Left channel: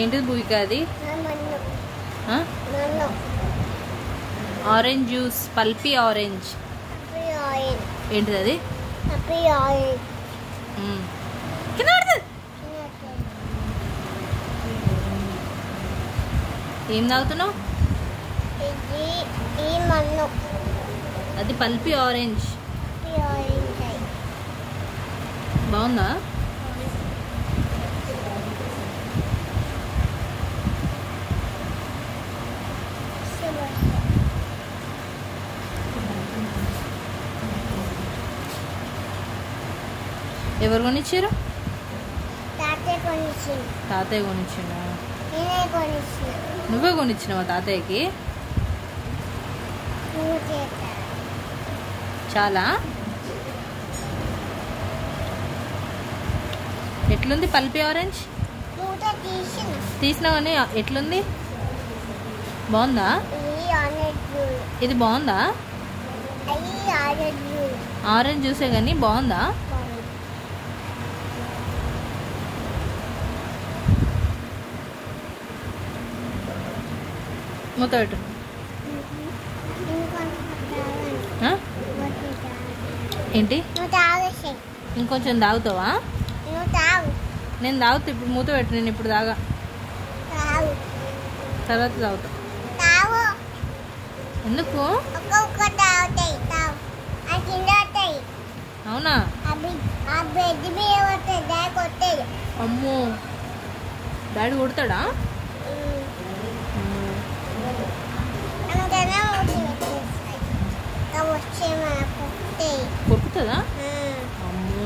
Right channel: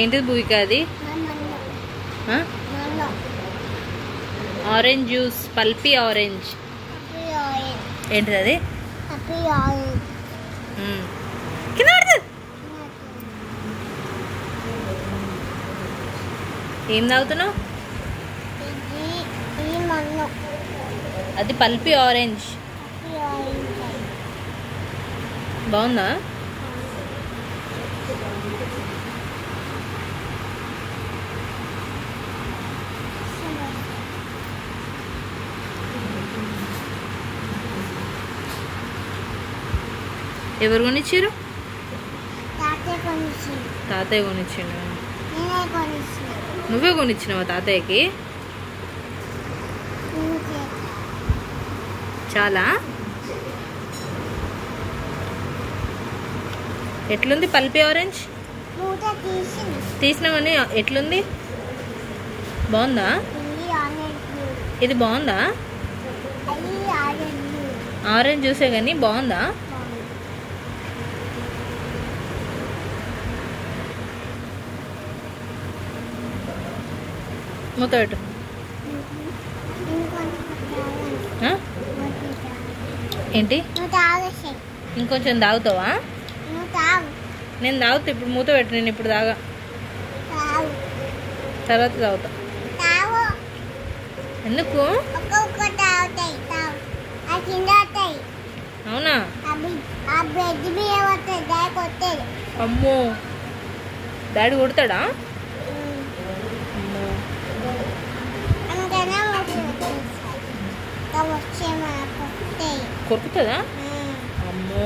ఏంటిది భూమిక అది? Orange juice, pulpy orange. ఏంటిది అది? ఏం తాగుతున్నావు? అది పల్పీ ఆరెంజ్. బాగుందా? ఎవరు కొనిచ్చారు? తాతయ్య కొనిచ్చిండా? నువ్వే కొనిచ్చినావా తాతయ్యకి? చాలా. ఎట్లుంది పల్పీ ఆరెంజ్? తీసినావని ఎట్లుంది? బాగుందా? ఇది బాగుందా? ఆరెంజ్ జ్యూసే కానీ బాగుందా? మూతోడు. ఏంటి? ఇంకొంచెం తాగుతావా? నేను తాగుతా. ఇప్పుడు మూత పెట్టు. నేను ఇప్పుడు తాగా, తర్వాత తాగుతా. ఎందుకు? అవునా? అమ్మో, డాడీ కొడతాడా? కొరుకుతుందా? అమ్మో.